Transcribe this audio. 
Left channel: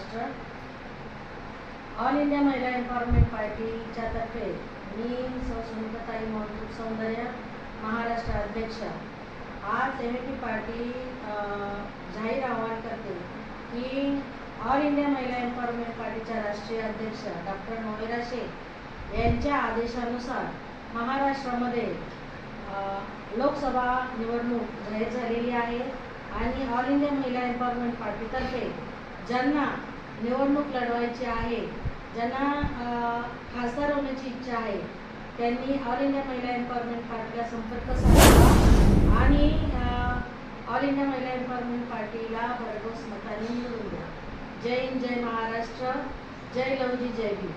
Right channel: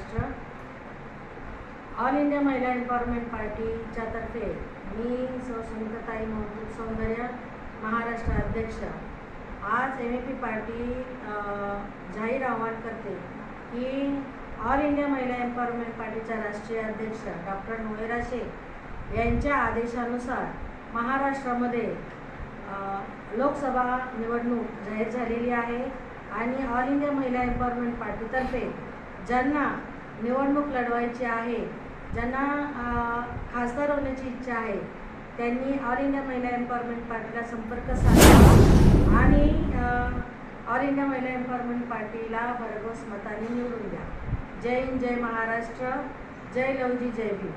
Maharashtra. All India महिला empowerment पार्टीच्या तर्फे मी सुनीताताई महसूद सौंदर्य महाराष्ट्र अध्यक्ष आज एमएपी पार्टी जाहीर आवाहन करते की ऑल इंडिया महिला एम्पॉवरमेंट पार्टीच्या राष्ट्रीय अध्यक्ष डॉक्टर नोएरा शेख यांच्या आदेशानुसार महाराष्ट्रामध्ये लोकसभा निवडणूक जाहीर झालेली आहे आणि ऑल इंडिया महिला एम्पॉवरमेंट पार्टीतर्फे ज्यांना निवडणूक लढवायची आहे, ज्यांना खासदार होण्याची इच्छा आहे, त्यांनी ऑल इंडिया महिला एम्पॉवरमेंट पार्टीला संपर्क साधावा आणि ऑल इंडिया महिला एम्पॉवरमेंट पार्टीला भरघोस मताने निवडून द्या। जय हिंद, जय महाराष्ट्र, जय लवजी, जय भीम।